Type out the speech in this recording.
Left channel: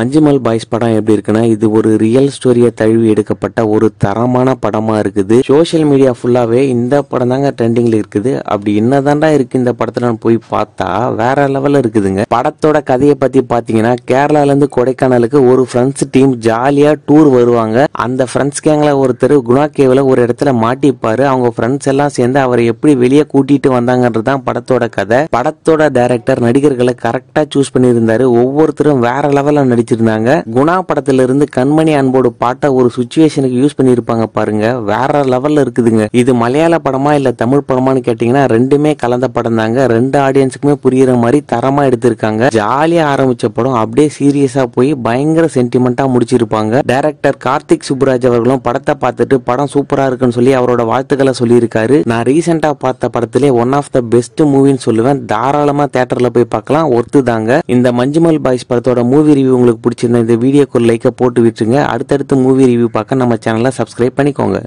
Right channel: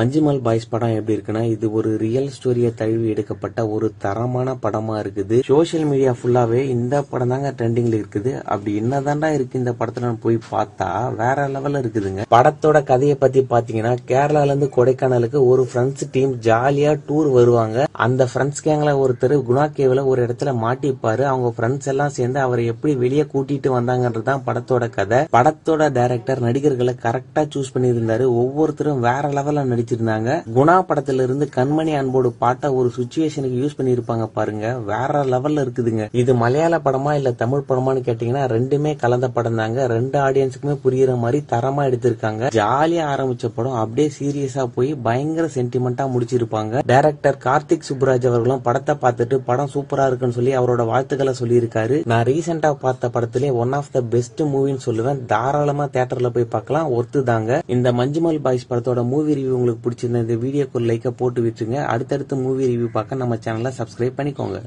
Manjummel boys படம் எப்படி இருக்குன்னா, இது ஒரு ரியல் ஸ்டோரியை தழுவி எடுக்கப்பட்ட ஒரு தரமான படமா இருக்குது. சோசியல் மீடியா ஃபுல்லாவே இந்த படம் தாங்க ட்ரெண்டிங்ல இருக்குது. அப்படி என்னதான்டா இருக்கு இந்த படத்துல போய் பார்த்தா வேற லெவல்ல இருக்குதுங்க. படத்தோட கதையை பத்தி பாத்தீங்கன்னா, கேரளால இருந்து கொடைக்கானலுக்கு ஒரு ஃப்ரெண்ட்ஸ் டீம் ஜாலியா டூர் வருவாங்க. அந்த ஃப்ரெண்ட்ஸ் கேங்ல ஒருத்தர் குணா கேவ்ல ஒரு இடத்துல மாட்டிப்பாரு. அவங்க ஃப்ரெண்ட்ஸ் எல்லாம் சேர்ந்து அவரை எப்படி வெளியே கூட்டிட்டு வந்தாங்கன்றதுதான் படத்தோட கதை. படத்தோட டைரக்டர் நடிகர்களை கரெக்டா சூஸ் பண்ணியிருந்தாரு. ஒவ்வொருத்தரும் வேற லெவல்ல நடிச்சிருந்தாங்க. குணா படத்துல இருந்து கண்மணி அன்போடு பாட்டை ஒரு சுச்சுவேஷனுக்கு யூஸ் பண்ணிருப்பாங்க பாருங்க, வேற லெவல்ல இருக்குதுங்க. இது மலையாள படமா இல்ல தமிழ் படமான்னு கேட்டீங்கன்னா ரெண்டுமே கலந்த படம் தாங்க. ரெண்டு ஆடியன்ஸுக்குமே புரியுற மாதிரி தரமா எடுத்திருக்காங்க. ஜாலியா ஆரம்பிச்ச படம் அப்படியே சீரியஸா போய் பயங்கர சென்டிமெண்டா முடிச்சிருப்பாங்க. டைரக்டர் கார்த்திக் சுப்புராஜ் அவர்களும் படத்தை பார்த்துட்டு படம் சூப்பரா இருக்குன்னு சொல்லி அவரோட வாழ்த்துக்களை சொல்லியிருக்காரு. நான் ரீசெண்டா பார்த்த படத்திலே ஒன் ஆஃப் த பெஸ்ட் மூவின்னு சொல்லுவேன். தாராளமா தியேட்டர்ல போய் பார்க்கலாம், ஒர்த்து தாங்க. இந்த மஞ்சுமல் பாய்ஸ் படத்தோட மூவி ரிவ்யூ உங்களுக்கு பிடிச்சிருந்த இந்த வீடியோக்கு ஒரு லைக்கை போட்டு விட்டுருங்க. அடுத்தடுத்து மூவி ரிவ்யூ பார்க்க நம்ம சேனலை சப்ஸ்கிரைப் பண்ணிக்கோங்க.